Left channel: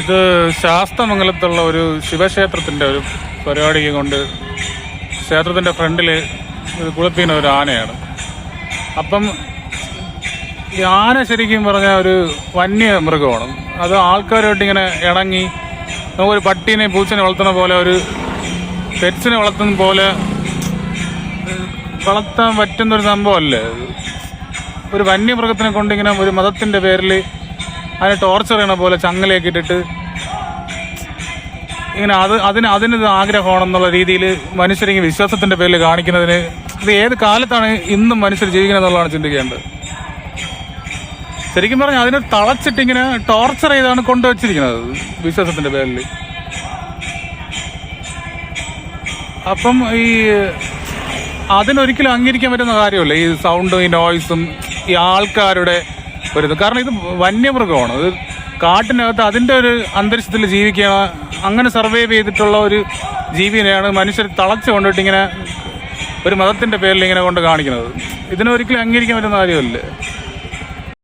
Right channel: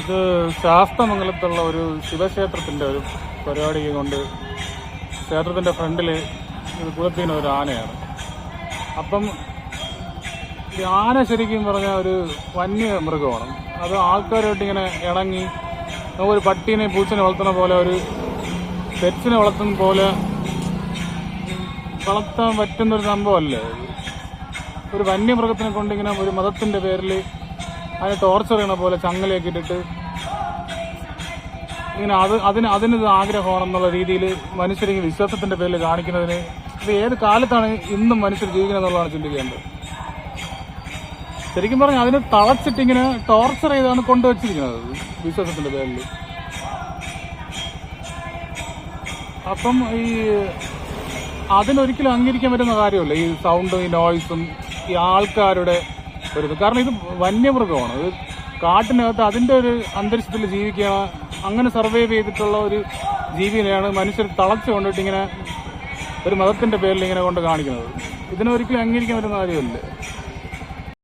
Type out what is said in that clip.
ഇത് ശാസ്തമംഗലത്തുള്ള ഒരു ശിവക്ഷേത്രത്തിൻ്റെ ഒരു പരിപാടിക്ക് കൊണ്ട് ക്ഷേത്രത്തിൻ്റെ ഫ്രണ്ടിൽ കുളിപ്പിക്കുന്ന ഒരു ആനയാണ്. അപ്പം ഈ ആന ശരിക്കും പറഞ്ഞാൽ ഒരു വന്യമൃഗമാണ്. അത് ആൾക്കാരുമായിട്ട് ഇങ്ങനെ ഇണങ്ങി നമുക്കൊരു പട്ടീനെ പൂച്ചനെ വളർത്തുന്ന പോലെ, ഒരു പെറ്റ്സിനെ വളർത്തുന്ന പോലെ വളർത്താൻ പറ്റുന്നൊരു സംഭവമല്ലേ. ഒരു വന്യമൃഗത്തിനെ കൊണ്ടിങ്ങനെ ഒരു മതത്തിൻ്റെ പേരിൽ അതിനെ ടോർച്ചർ ചെയ്യണ പോലെ ചങ്ങലയൊക്കെ ഇട്ടിട്ട് ഇങ്ങനെ അതിനത് ആഗ്രഹമാണെന്നുള്ള രീതിയിൽ മനുഷ്യരിങ്ങനെ വിശ്വാസത്തിൻ്റെ പേരിൽ കാണിക്കുന്നതിന് ഇത് ഏത് കാലത്താണ് ഇന്നും മനുഷ്യർ ജീവിക്കുന്നത് എന്നുള്ളതാണ് ചിന്തിക്കേണ്ടത്. ശരിക്കും പറഞ്ഞാൽ അതിനെ തളച്ചിട്ടിങ്ങനെ ടോർച്ചർ ചെയ്താണ് കൊണ്ടുവച്ചിരിക്കുന്നത് വിശ്വാസത്തിൻ്റെ പേരിൽ. അപ്പം ഈ അതിനൊരിക്കലും അംഗീകരിക്കാൻ പറ്റുന്ന കാര്യമല്ല ഈ സൗണ്ടും ഈ നോയ്സും ഈ ആൾക്കാരുടെ ഒരിത്. കാരണം ഇത് വന്യമൃഗമാണ്. ഇത് കാട്ടിനകത്ത് അതിൻ്റെ ഒരു അന്തരീക്ഷത്തിൽ ജീവിക്കുക, അങ്ങനെ സർവൈവ് ചെയ്തിട്ടുള്ള ഒരു ജീവിനെയാണ് മനുഷ്യർ തളച്ച് കൊണ്ടിട്ട് ഇങ്ങനെ ഒരു മതത്തിൻ്റെ പേരിൽ ഇങ്ങനെ കൊണ്ട് കാണിക്കുന്നത്. ഇതിനൊരിക്കലും അംഗീകരിക്കാൻ പറ്റുന്ന കാര്യമല്ലേ.